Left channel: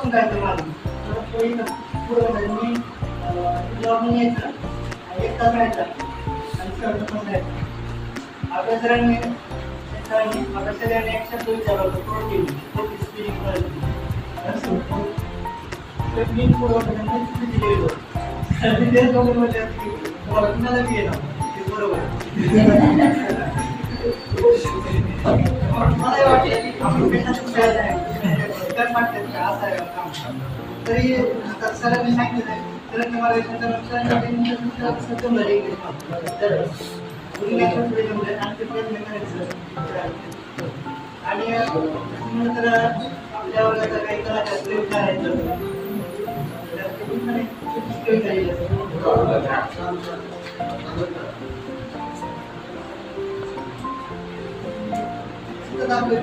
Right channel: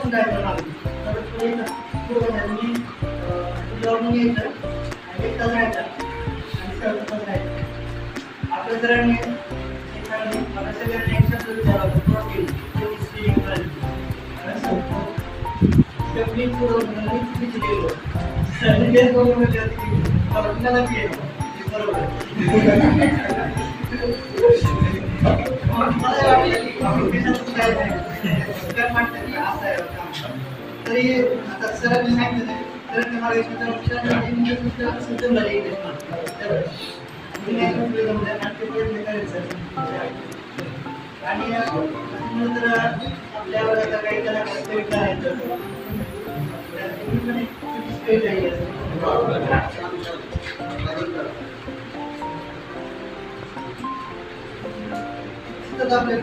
बसून राहायचं मागून. तर तो एक पूर्ण मी लावून यायचं आणि 1 तास राहायचा आणि सर्व तास राहायचं. आपल्या सरांनी आपल्या सगळ्यांनी एक शब्द विचारला होता, प्रोटीन स्विमिंग करायची. मी चुकीची गेलो तेच बघून म्हटलं की मला कुणाला बी येणार ते बरोबर. मला वाटलं की आपण पेशाचं काय नाही वाटतं का असं आहे काम. तरी आता सरांनी सांगितलं नाही सरांनी मला समजवलं इंग्लिश तर आणखी प्रयत्न करायचं. आणि नंतर आपल्या वर्गाचा काही कलाकार करायचं आपले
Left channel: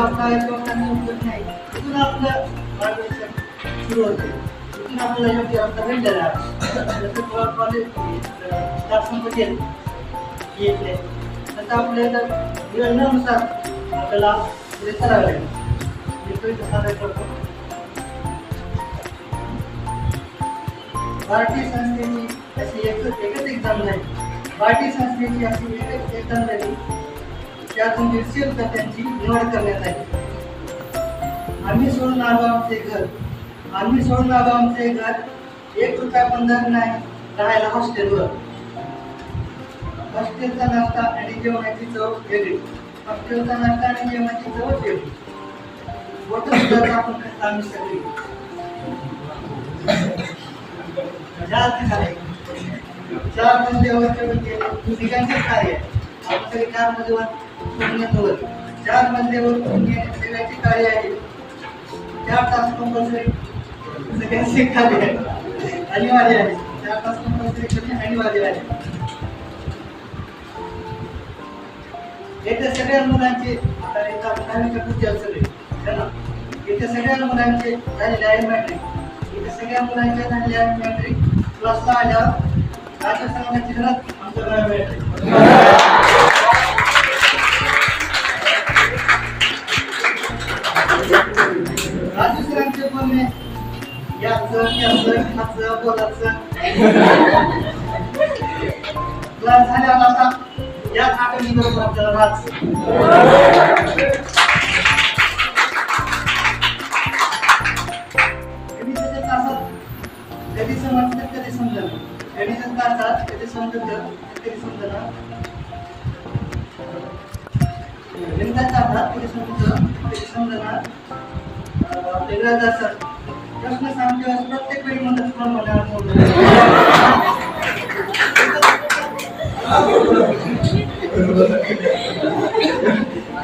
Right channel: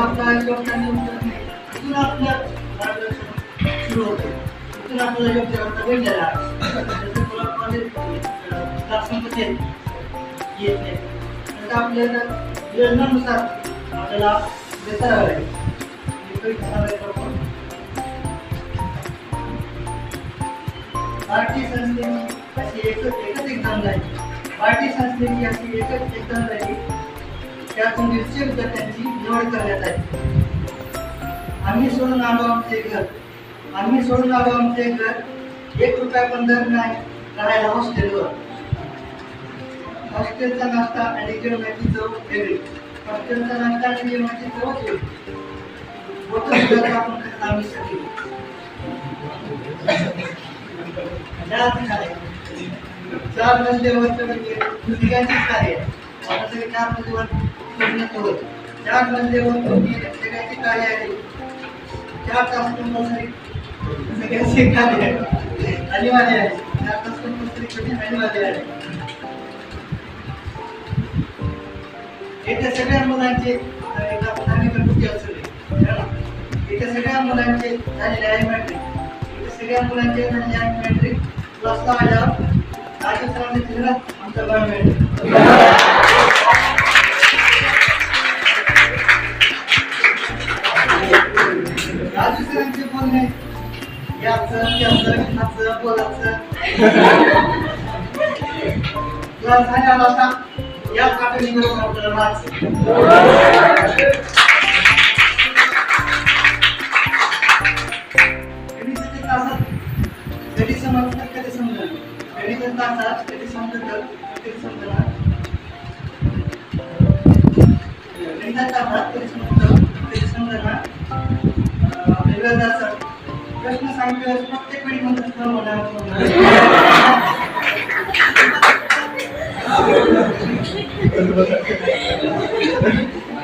आपला योगदान नाही तिथून आपलं मार्गदर्शन सुरू होते. तिथून आपल्याला योग्य रस्ता भेटलेला संपत्ती येत नाही. नंतर आपल्याला योजनानुसार आपल्याला पुढे करावं लागेल. भारतीय संस्थेची अशी एकच एक्झाम नाही. भारतीय संस्थेची अशी एकच एक्झाम झाली त्यातून 150 विद्यार्थ्यांची निवड करण्यात आली. आम्ही सोडून आलो आमचे घर 1 रुपया पण दर नाही राहायला हॉस्टेलवर. हॉस्टेलचा नाश्ता आणि जेवणाची चव वेगळी. हॉस्टेलचा नाश्ता आणि जेवणाची चवच वेगळी. बोटं सुद्धा आपण आम्ही सगळी 4 मजल्यावरचे म्हणजे ठिकाणचे कार्य आपण सगळे 4 मजल्यावर 4 मजल्यावर सगळ्यांची कार्य आहे. 4 तास कंपल्सरी सगळ्यांचे कार्य अनिवार्य आहे. 4 तास कंपल्सरी करणे अनिवार्य आहे. येत्या सगळ्या मुलांचे येत्या सगळ्या मुलांचे झालेले आहे मॅट्रिक. येत्या सगळ्या मुलांचे झालेले आहे मॅट्रिक. क्लासला आल्यावर राजू सरांच्या चित्रात आमचं गाव मिळते. राजू सरांचे बोलणे याचं त्याचं हाचं बोलाचं क्लास झाल्यावर आता याच आठवणीबरोबर आपल्याला राहायचं. गणिताच्या तासात कधी समजतं कधी समजलं. गणिताच्या तासात कधी समजतं कधी समजणार. गणिताच्या तासात कधी समजतं कधी समजणार. वेगळा सर प्रश्न सांगते प्रत्येक वेळी म्हणतात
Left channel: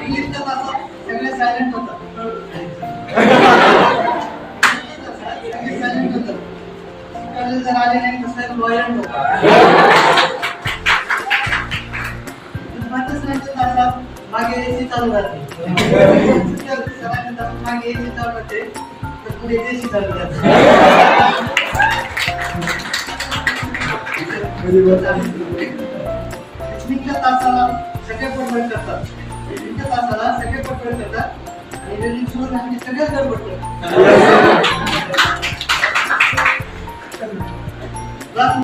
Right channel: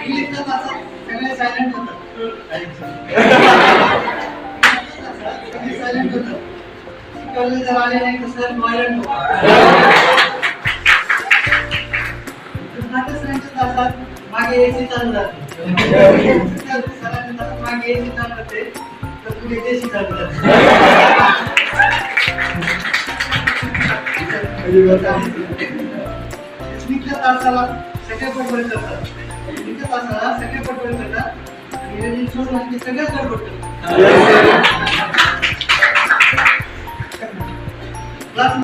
इंग्लिशच्या तासात सगळे सायलेंट होतात. सायलेंट होतात. शिकवले जर आले नाही तर सर व्हायलेंट होतात. सरांच्या तासात मागे एसी चालू राहते. सरांच्या तासात मागे एसी चालू राहते तर पुढे देशी चालू राहते. तासाला सगळे पटपट करतात. तासाला सगळे पटपट करतात आणि सोडून सगळेच गडबड करतात.